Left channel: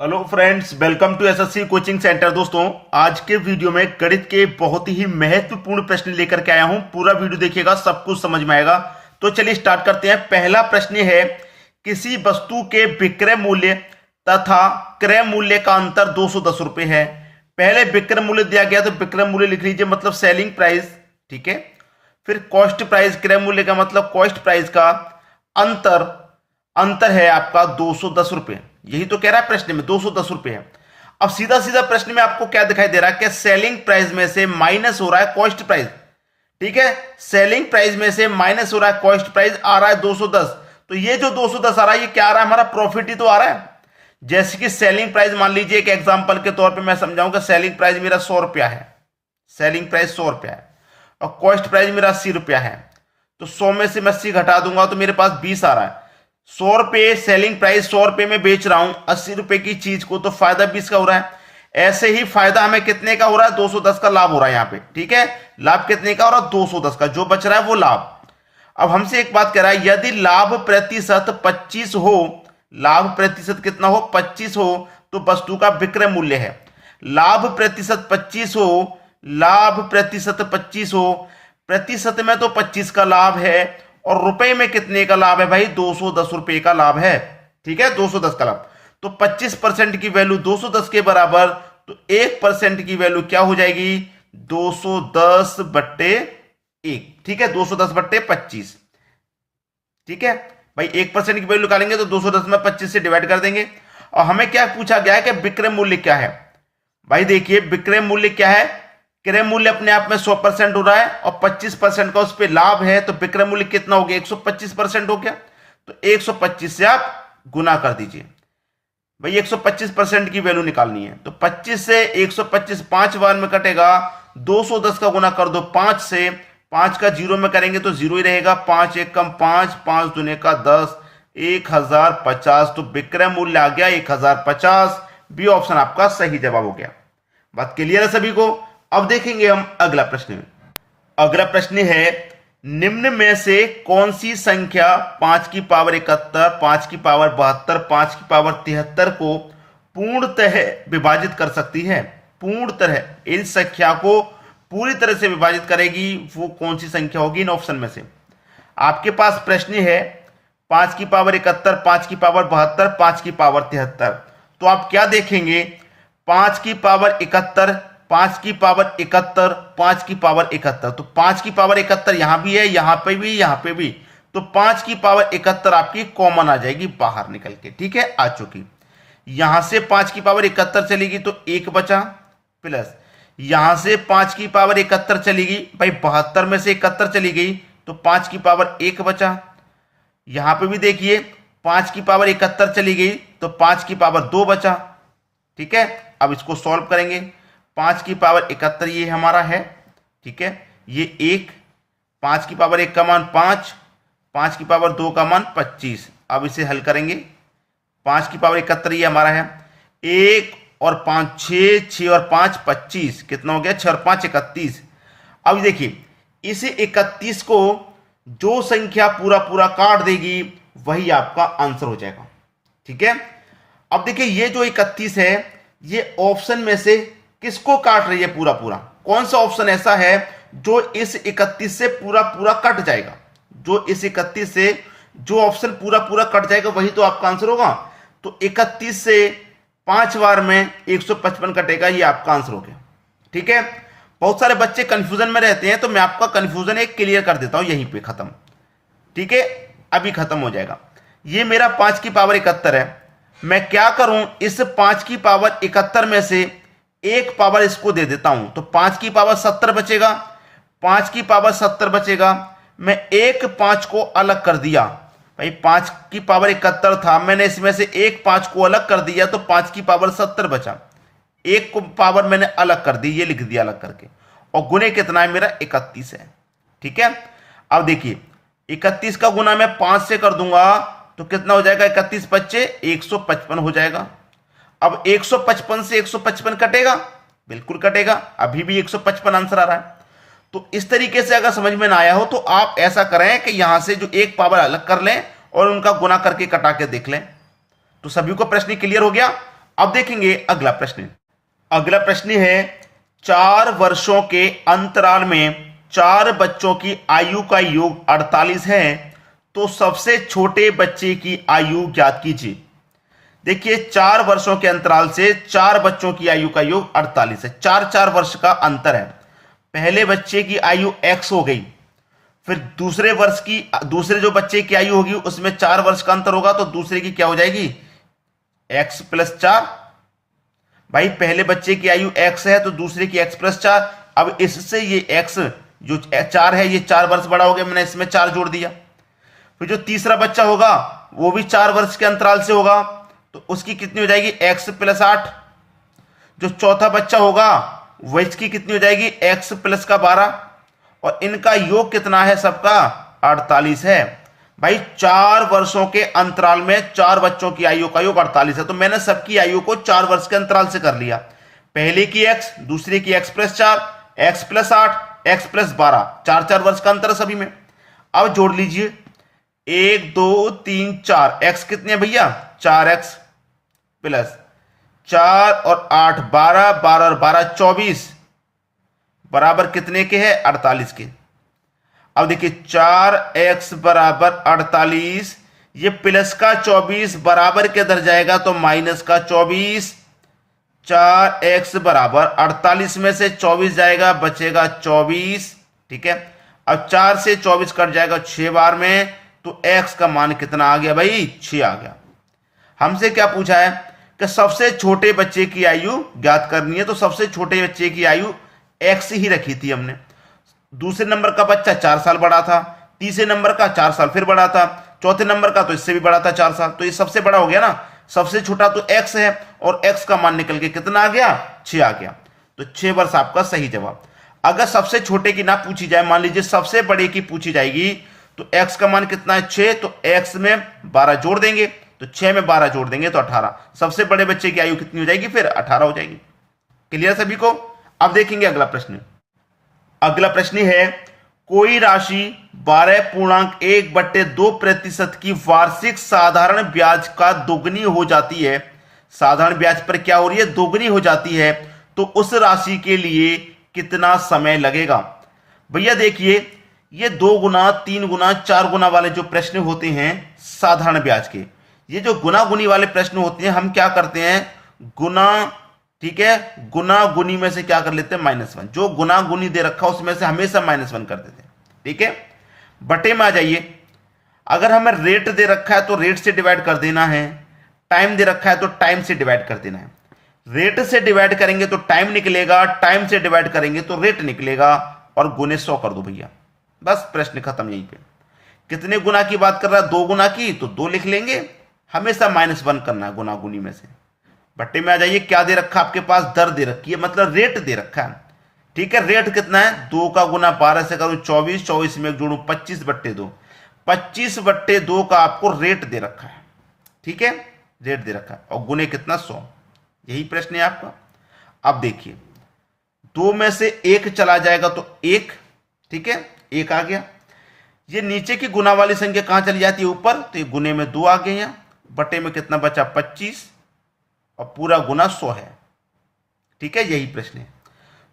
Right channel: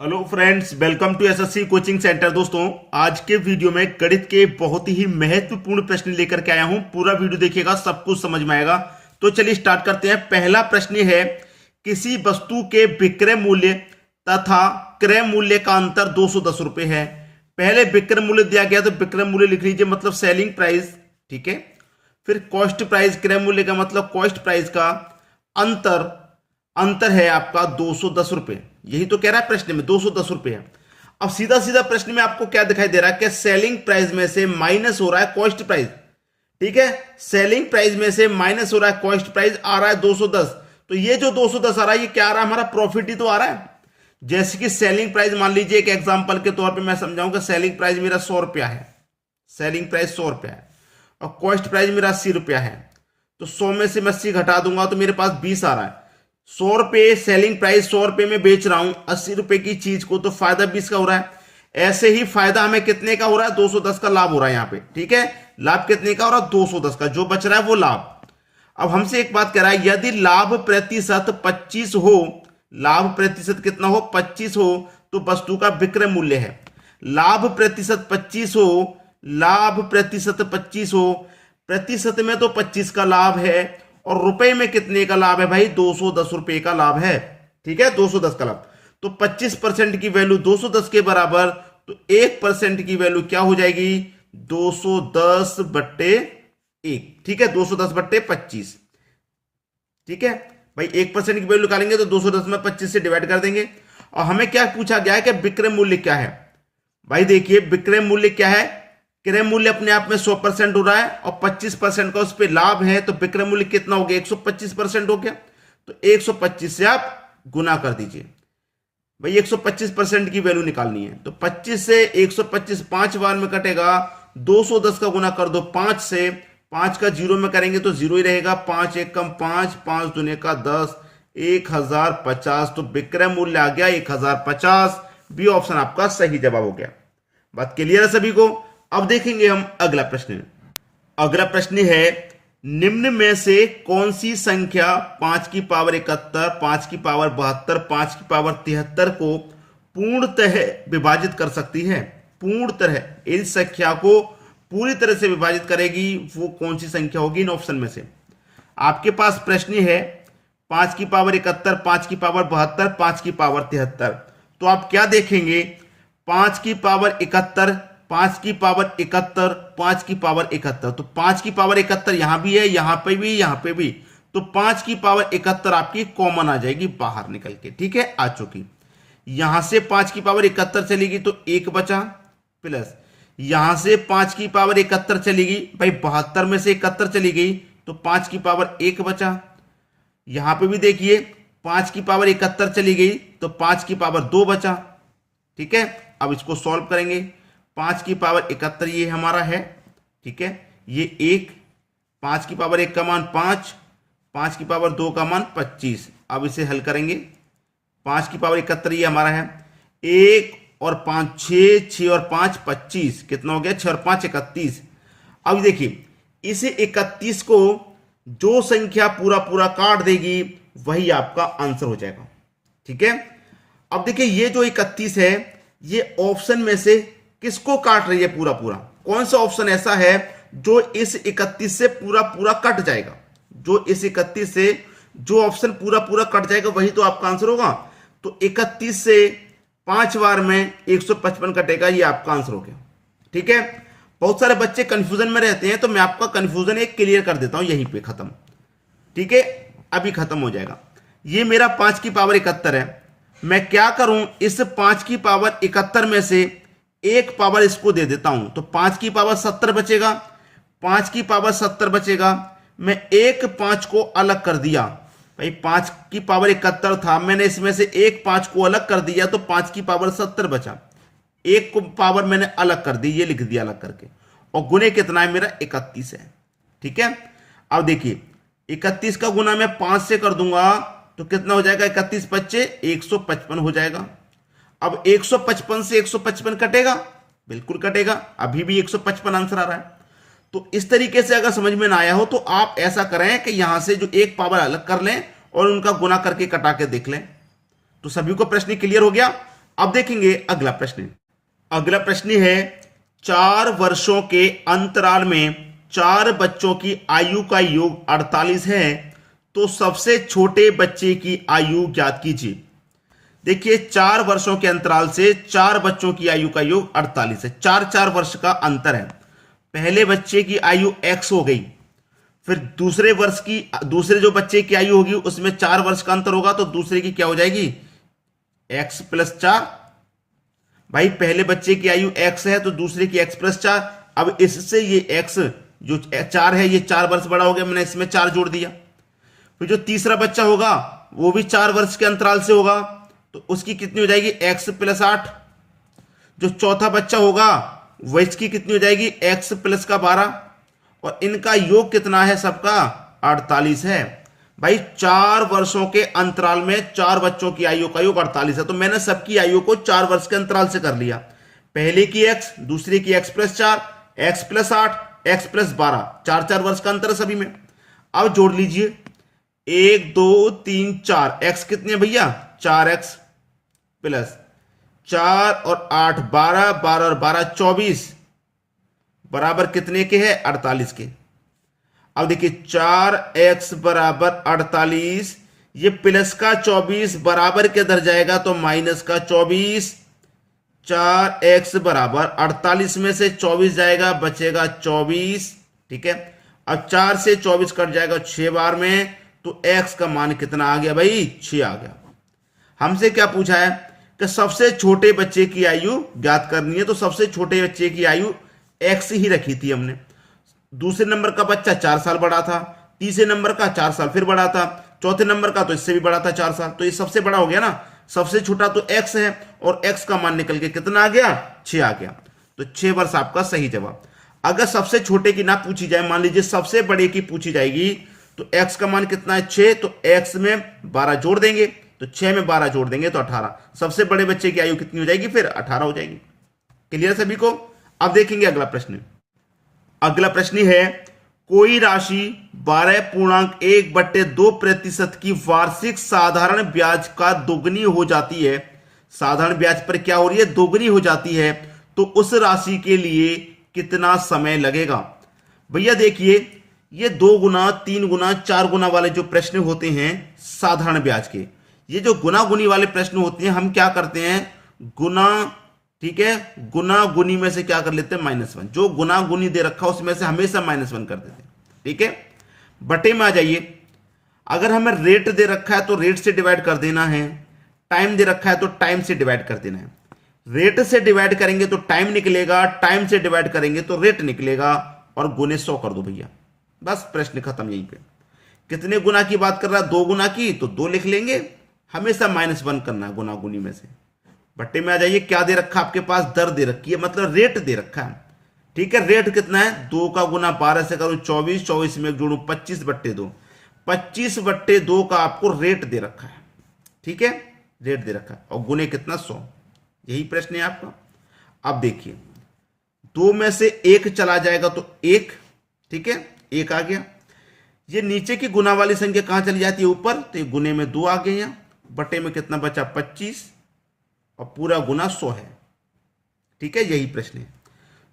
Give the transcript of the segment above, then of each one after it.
Hello friends, welcome to SSC coaching centre. दोस्तों, आज के वीडियो में गणित के बहुत ही महत्वपूर्ण प्रश्न लेकर के आया हूं। पूरा वीडियो देखिएगा, सब कुछ समझ में आएगा। तो चलिए स्टार्ट करते हैं। पहला प्रश्न है, किसी वस्तु के विक्रय मूल्य तथा क्रय मूल्य का अंतर 210 रुपए है। पहले विक्रय मूल्य दिया गया तो विक्रय मूल्य लिख लीजिए, मतलब सेलिंग प्राइस, ठीक है। फिर कॉस्ट प्राइस, क्रय मूल्य का मतलब कॉस्ट प्राइस का अंतर अंतर है आपका 210 रुपए। यही तो कह रहा है प्रश्न में, 210 रुपए है। अब सीधा सीधा प्रश्न में आपको क्या दिखाई दे रहा है कि सेलिंग प्राइस में से माइनस हो रहा है कॉस्ट प्राइस, ठीक है। सेलिंग प्राइस में से माइनस हो रहा है कॉस्ट प्राइस, आ रहा है 210। तो ये जो 210 आ रहा है, ये क्या आ रहा है, हमारा प्रॉफिट ही तो आ रहा है। जैसे कि सेलिंग प्राइस, मान लीजिए एक एग्जांपल के तौर पे मैं समझाऊंगा, सेलिंग प्राइस मेरा 100 रुपया है, सेलिंग प्राइस 100 रुपया है, और कॉस्ट प्राइस मेरा 80 रुपया है। तो 100 में से मैं 80 घटा दूंगा तो मेरे पास 20 आ रहा है। 100 रुपये सेलिंग प्राइस, 100 रुपये में बेच रहा हूं 80 रुपए की चीज को, तो फायदा 20 का हो रहा है। ऐसे ही फायदा हमें कितने का हो रहा है, 210 का लाभ हो रहा है यहाँ पे, ठीक है। लाभ कितने का हो रहा है, 210 का, जो बच रहा है वो लाभ। अब हमसे एक बात कह रहा है, यदि लाभ प्रतिशत 25 हो, लाभ प्रतिशत कितना हो, 25 हो, तो वस्तु का विक्रय मूल्य है। लाभ प्रतिशत 25 हो, लाभ प्रतिशत 25 हो, प्रतिशत में तो 25 का लाभ है, और रुपए में कितने का लाभ है भाई, 210 रुपए का लाभ है, ठीक है, 210 का लाभ। तो 25% की वैल्यू 210 के बराबर, तो 1% की वैल्यू क्या हो जाएगी, 210 बट्टे 1, ठीक है, 210 बट्टे 25, ठीक है भाई। 1% की वैल्यू निकालेंगे तो 210 में 25 से डिवाइड कर देंगे। और हमें क्या पूछा गया है कि विक्रय मूल्य क्या है। भाई देखिए, विक्रय मूल्य क्या है, क्रय मूल्य अपने आप में 100% हो रहा है, और 25% का उस पर लाभ है, तो विक्रय मूल्य कितना हो गया, 125% हो गया। तो 125 से आप गुना कर दीजिए भाई, 125% की वैल्यू निकालनी है। तो 25 से 125 5 बार में कटेगा, 210 का गुना कर दो 5 से, 5 का जीरो में करेंगे तो जीरो ही रहेगा, 5 एक कम 5, 5 दूने का 10, 1050। तो विक्रय मूल्य आ गया 1050। बी ऑप्शन आपका सही जवाब हो गया। बात क्लियर है सभी को। अब देखेंगे हम अगला प्रश्न। अगला प्रश्न है, निम्न में से कौन सी संख्या 5 की पावर 71, 5 की पावर 72, 5 की पावर 73 को पूर्णतः विभाजित कर सकती है। पूर्णतः इन संख्या को पूरी तरह से विभाजित करेगी, वो कौन सी संख्या होगी इन ऑप्शन में से। आपके पास प्रश्न है 5 की पावर 71, 5 की पावर 72, 5 की पावर 73। तो आप क्या देखेंगे, 5 की पावर 71, 5 की पावर 71, 5 की पावर 71। तो 5 की पावर 71 यहां भी है, यहां पे भी, यहां पे भी। तो 5 की पावर 71 आपकी कॉमन आ जाएगी बाहर निकल के, ठीक है, आ चुकी। यहां से 5 की पावर 71 चलेगी तो 1 बचा, प्लस यहां से 5 की पावर 71 चलेगी भाई, 72 में से 71 चली गई तो 5 की पावर 1 बचा। यहां पे भी देखिए 5 की पावर 71 चली गई तो 5 की पावर 2 बचा, ठीक है। अब इसको सॉल्व करेंगे। 5 की पावर 71 ये हमारा है, ठीक है, ये 1, 5 की पावर 1 का मान 5, 5 की पावर 2 का मान 25। अब इसे हल करेंगे। 5 की पावर 71 ये हमारा है, 1 और 5 6, 6 और 5 25, कितना हो गया, 6 और 5 31। अब देखिए, इसे 31 को जो संख्या पूरा पूरा काट देगी वही आपका आंसर हो जाएगा, ठीक है। अब देखिए, ये जो 31 है ये ऑप्शन में से किसको काट रही है पूरा पूरा, कौन सा ऑप्शन ऐसा है जो इस 31 से पूरा पूरा कट जाएगा, जो इस 31 से जो ऑप्शन पूरा पूरा कट जाएगा वही तो आपका आंसर होगा। तो 31 से 5 बार में 155 कटेगा, ये आपका आंसर हो गया, ठीक है। बहुत सारे बच्चे कंफ्यूजन में रहते हैं, तो मैं आपका कंफ्यूजन एक क्लियर कर देता हूं यहीं पे, खत्म, ठीक है, अभी खत्म हो जाएगा। ये मेरा 5 की पावर 71 है, मैं क्या करूं, इस 5 की पावर 71 में से एक पावर इसको दे देता हूं, तो 5 की पावर 70 बचेगा, 5 की पावर 70 बचेगा। मैं एक 5 को अलग कर दिया भाई, 5 की पावर 71 था, मैंने इसमें से एक 5 को अलग कर दिया तो 5 की पावर 70 बचा। एक को पावर मैंने अलग कर दी, ये लिख दिया अलग करके, और गुने कितना है मेरा, 31 है, ठीक है। अब देखिए, 31 का गुना मैं 5 से कर दूंगा तो कितना हो जाएगा, 31 बच्चे 155 हो जाएगा। अब 155 से 155 कटेगा, बिल्कुल कटेगा, अभी भी 155 आंसर आ रहा है। तो इस तरीके से अगर समझ में ना आया हो तो आप ऐसा करें कि यहां से जो एक पावर अलग कर लें और उनका गुना करके कटा के देख लें। तो सभी को प्रश्न क्लियर हो गया। अब देखेंगे अगला प्रश्न। अगला प्रश्न है 4 वर्षों के अंतराल में 4 बच्चों की आयु का योग 48 है, तो सबसे छोटे बच्चे की आयु ज्ञात कीजिए। देखिए 4 वर्षों के अंतराल से 4 बच्चों की आयु का योग 48 है, 4-4 वर्ष का अंतर है। पहले बच्चे की आयु x हो गई, फिर दूसरे जो बच्चे की आयु होगी उसमें 4 वर्ष का अंतर होगा, तो दूसरे की क्या हो जाएगी x + 4। भाई पहले बच्चे की आयु x है तो दूसरे की x + 4। अब इससे ये x जो 4 है ये 4 वर्ष बड़ा हो गया, मैंने इसमें 4 जोड़ दिया। फिर जो तीसरा बच्चा होगा वो भी 4 वर्ष के अंतराल से होगा, तो उसकी कितनी हो जाएगी x + 8। जो चौथा बच्चा होगा वह इसकी कितनी हो जाएगी x + 12, और इनका योग कितना है सबका 48 है। भाई 4 वर्षों के अंतराल में 4 बच्चों की आयु का योग 48 है, तो मैंने सबकी आयु को 4 वर्ष के अंतराल से कर लिया। पहले की x, दूसरे की x + 4, x + 8, x + 12, 4-4 वर्ष का अंतर है सभी में। अब जोड़ लीजिए 1 2 3 4, x कितने हैं भैया 4x + 4 और 8 12, 12 और 12 24, बराबर कितने के हैं 48 के। अब देखिए 4x = 48, ये प्लस का 24 बराबर के अंदर जाएगा तो माइनस का 24। 4x = 48 में से 24 जाएगा, बचेगा 24। ठीक है, अब 4 से 24 कट जाएगा 6 बार में, तो x का मान कितना आ गया भाई 6 आ गया। हमसे क्या पूछा है कि सबसे छोटे बच्चे की आयु ज्ञात करनी है, तो सबसे छोटे बच्चे की आयु x ही रखी थी हमने। दूसरे नंबर का बच्चा 4 साल बड़ा था, तीसरे नंबर का 4 साल फिर बड़ा था, चौथे नंबर का तो इससे भी बड़ा था 4 साल, तो ये सबसे बड़ा हो गया ना। सबसे छोटा तो x है और x का मान निकल के कितना आ गया 6 आ गया, तो 6 वर्ष आपका सही जवाब। अगर सबसे छोटे की ना पूछी जाए, मान लीजिए सबसे बड़े की पूछी जाएगी, तो x का मान कितना है 6, तो x में 12 जोड़ देंगे, तो 6 में 12 जोड़ देंगे तो 18। सबसे बड़े बच्चे की आयु कितनी हो जाएगी फिर 18 हो जाएगी। क्लियर सभी को। अब देखेंगे अगला प्रश्न। अगला प्रश्न है कोई राशि 12.1/2% की वार्षिक साधारण ब्याज का दोगुनी हो जाती है। साधारण ब्याज पर क्या हो रही है दोगुनी हो जाती है, तो उस राशि के लिए कितना समय लगेगा। भैया देखिए ये 2 गुना 3 गुना 4 गुना वाले जो प्रश्न होते हैं साधारण ब्याज के, ये जो गुना गुनी वाले प्रश्न होते हैं हम क्या करते हैं गुना, ठीक है, गुना गुनी में से क्या कर लेते हैं -1। जो गुना गुनी दे रखा उसमें से हमेशा -1 कर देते हैं। ठीक है, बटे में आ जाइए। अगर हमें रेट दे रखा है तो रेट से डिवाइड कर देना है, टाइम दे रखा है तो टाइम से डिवाइड कर देना है। रेट से डिवाइड करेंगे तो टाइम निकलेगा, टाइम से डिवाइड करेंगे तो रेट निकलेगा, और गुने 100 कर दो भैया, बस प्रश्न खत्म। यहीं पे कितने गुना की बात कर रहा है 2 गुना की, तो 2 लिख लेंगे, हमेशा -1 करना है गुना गुनी में से। बट्टे में आ जाइए, क्या दे रखा आपके पास दर दे रखी है, मतलब रेट दे रखा है। ठीक है, रेट कितना है 2 का गुना 12 से करूं 24, 24 में जोड़ू 25/2, 25/2 का आपको रेट दे रखा है। ठीक है, रेट दे रखा है, और गुने कितना 100। यही प्रश्न है आपका। अब देखिए 2 में से 1 चला जाएगा तो 1, ठीक है 1 आ गया। ये नीचे की गुना वाली संख्या कहां चली जाती है ऊपर, तो ये गुने में 2 आ गए यहां। बटे में कितना बचा 25, और पूरा गुना 100 है। ठीक है, यही प्रश्न है।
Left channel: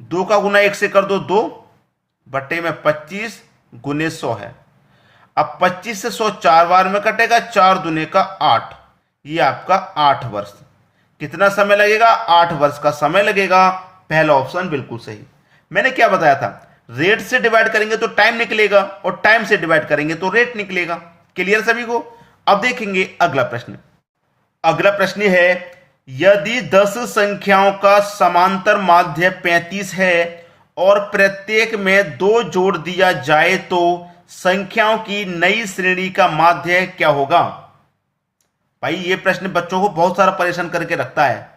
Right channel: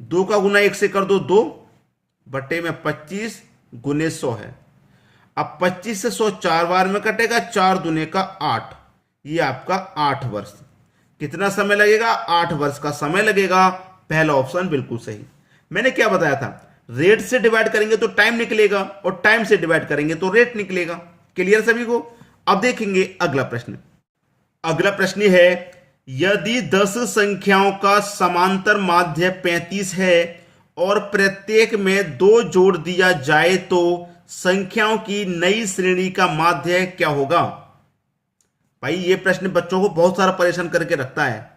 2 का गुना 1 से कर दो 2, बटे में 25 गुने 100 है। अब 25 से 100 4 बार में कटेगा, 4 दूने का 8, ये आपका 8 वर्ष। कितना समय लगेगा 8 वर्ष का समय लगेगा। पहला ऑप्शन बिल्कुल सही। मैंने क्या बताया था, रेट से डिवाइड करेंगे तो टाइम निकलेगा, और टाइम से डिवाइड करेंगे तो रेट निकलेगा। क्लियर सभी को। अब देखेंगे अगला प्रश्न। अगला प्रश्न है यदि 10 संख्याओं का समांतर माध्य 35 है और प्रत्येक में 2 जोड़ दिया जाए तो संख्याओं की नई श्रेणी का माध्य क्या होगा। भाई ये प्रश्न बच्चों को बहुत सारा परेशान करके रखता है।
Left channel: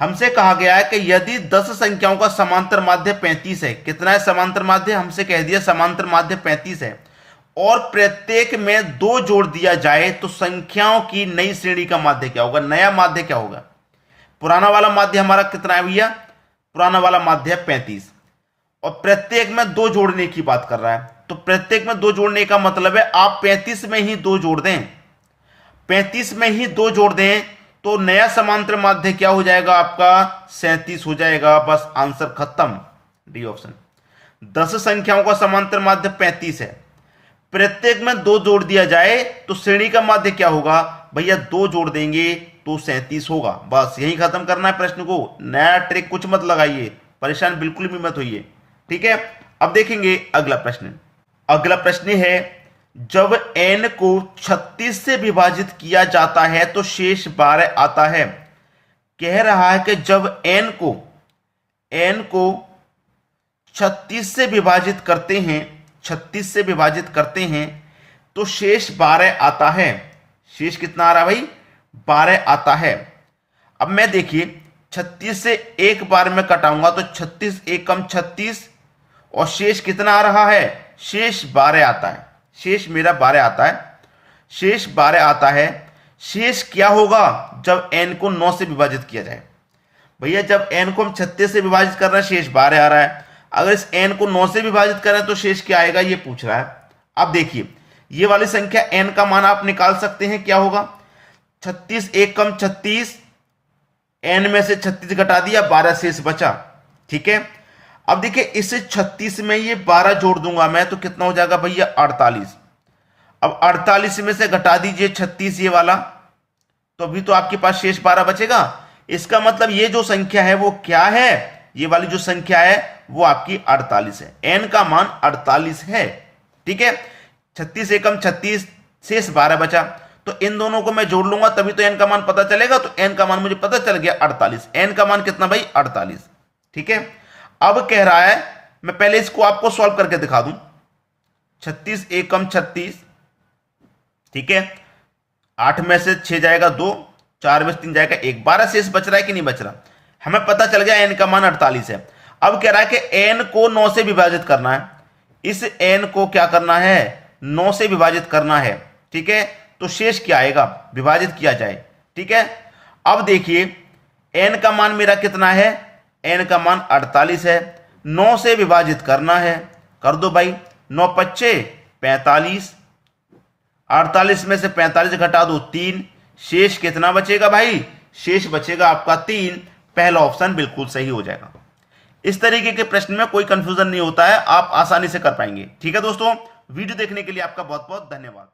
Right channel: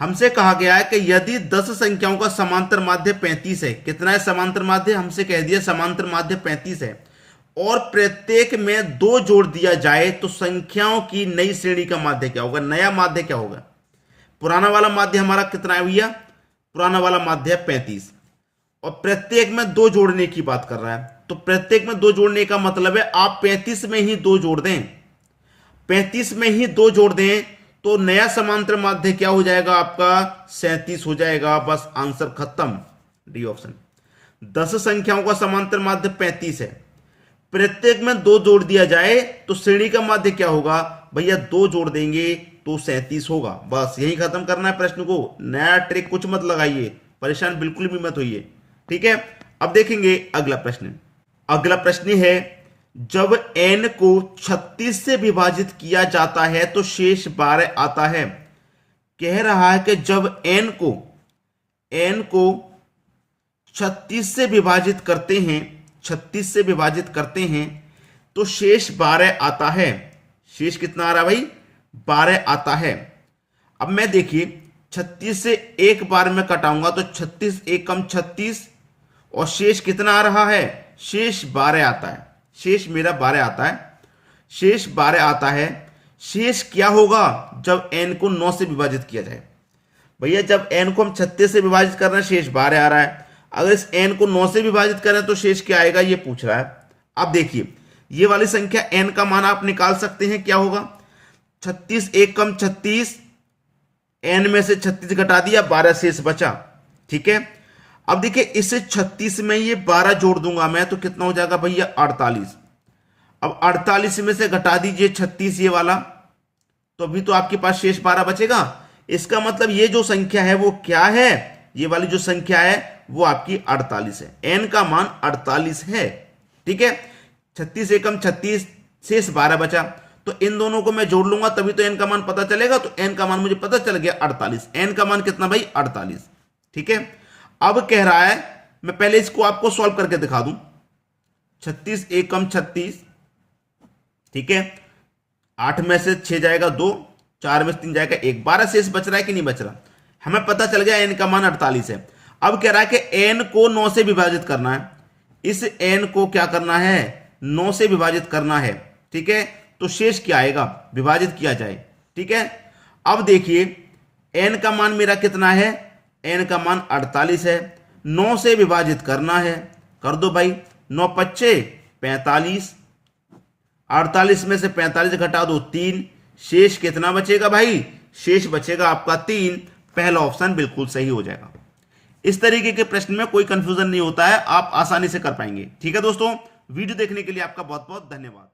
हमसे कहा गया है कि यदि 10 संख्याओं का समांतर माध्य 35 है, कितना है समांतर माध्य, हमसे कह दिया समांतर माध्य 35 है, और प्रत्येक में 2 जोड़ दिया जाए तो संख्याओं की नई श्रेणी का माध्य क्या होगा, नया माध्य क्या होगा। पुराना वाला माध्य हमारा कितना है भैया, पुराना वाला माध्य 35, और प्रत्येक में 2 जोड़ने की बात कर रहा है, तो प्रत्येक में 2 जोड़ने का मतलब है आप 35 में ही 2 जोड़ दें, 35 में ही 2 जोड़ दें तो नया समांतर माध्य क्या हो जाएगा आपका? 37 हो जाएगा। बस आंसर खत्म, डी ऑप्शन। 10 संख्याओं का समांतर माध्य 35 है। प्रत्येक में 2 जोड़ दिया जाए तो श्रेणी का माध्य क्या होगा? भैया 2 जोड़ देंगे तो 37 होगा। बस यही खत्म करना है प्रश्न को। नया ट्रिक कुछ मत लगाइए, परेशान बिल्कुल भी मत होइए, ठीक है। अब देखेंगे अगला प्रश्न। अगला प्रश्न है, जब n को 36 से विभाजित किया जाता है तो शेष 12 आता है। कह रहा है कि जब n को 36 से विभाजित करते हैं, 36 से विभाजित करते हैं तो शेष 12 आता है। शेष कितना आ रहा है भाई? 12 आता है। अब मैं देखिए 36 से एक बार में कटाऊंगा तो 36 एक कम 36 और शेष कितना आ रहा है? शेष 12 आता है। शेष मेरा 12 आता है। शेष 12 आता है। शेष क्या होगा जब n को 9 से विभाजित किया जाए? भैया जब n को हम 36 से विभाजित कर रहे हैं शेष 12 आ रहा है। अगर इस n को 9 से विभाजित करें तो शेष क्या आएगा ये पूछ रहा है। अब देखिए ये वाली संख्या n का मान आप निकाल सकते हैं, क्या होगा? 36 एक कम 36, n में से 36 घटा दिया, 12 शेष बचा, ठीक है। अब देखिए इस 36 में ये 12 जोड़ दूंगा मैं तो कितना हो जाएगा भैया? 48। अब 48 में से घटा दीजिए 36 ये वाला, तो अभी तो आपके पास शेष 12 बचेगा। इसका मतलब ये जो संख्या है वो क्या है? ये वाली जो संख्या है वो आपकी 48 है। n का मान 48 है, ठीक है। 36 एकम 36, शेष 12 बचा, तो इन दोनों को मैं जोड़ लूंगा तभी तो n का मान पता चलेगा। तो n का मान मुझे पता चल गया 48। n का मान कितना भाई? 48, ठीक है। अब कह रहा है, मैं पहले इसको आपको सॉल्व करके दिखा दूं। 36 एकम 36, ठीक है। 8 में से 6 जाएगा 2, 4 में से 3 जाएगा 1, 12 शेष बच रहा है कि नहीं बच रहा? हमें पता चल गया n का मान 48 है। अब कह रहा है कि n को 9 से विभाजित करना है। इस n को क्या करना है? 9 से विभाजित करना है, ठीक है। तो शेष क्या आएगा? विभाजित किया जाए, ठीक है। अब देखिए n का मान मेरा कितना है? n का मान 48 है। 9 से विभाजित करना है, कर दो भाई। 9 पच्चे 45, 48 में से 45 घटा दो 3, शेष कितना बचेगा भाई? शेष बचेगा आपका 3। पहला ऑप्शन बिल्कुल सही हो जाएगा। इस तरीके के प्रश्न में कोई कंफ्यूजन नहीं होता है, आप आसानी से कर पाएंगे, ठीक है दोस्तों। वीडियो देखने के लिए आपका बहुत बहुत धन्यवाद।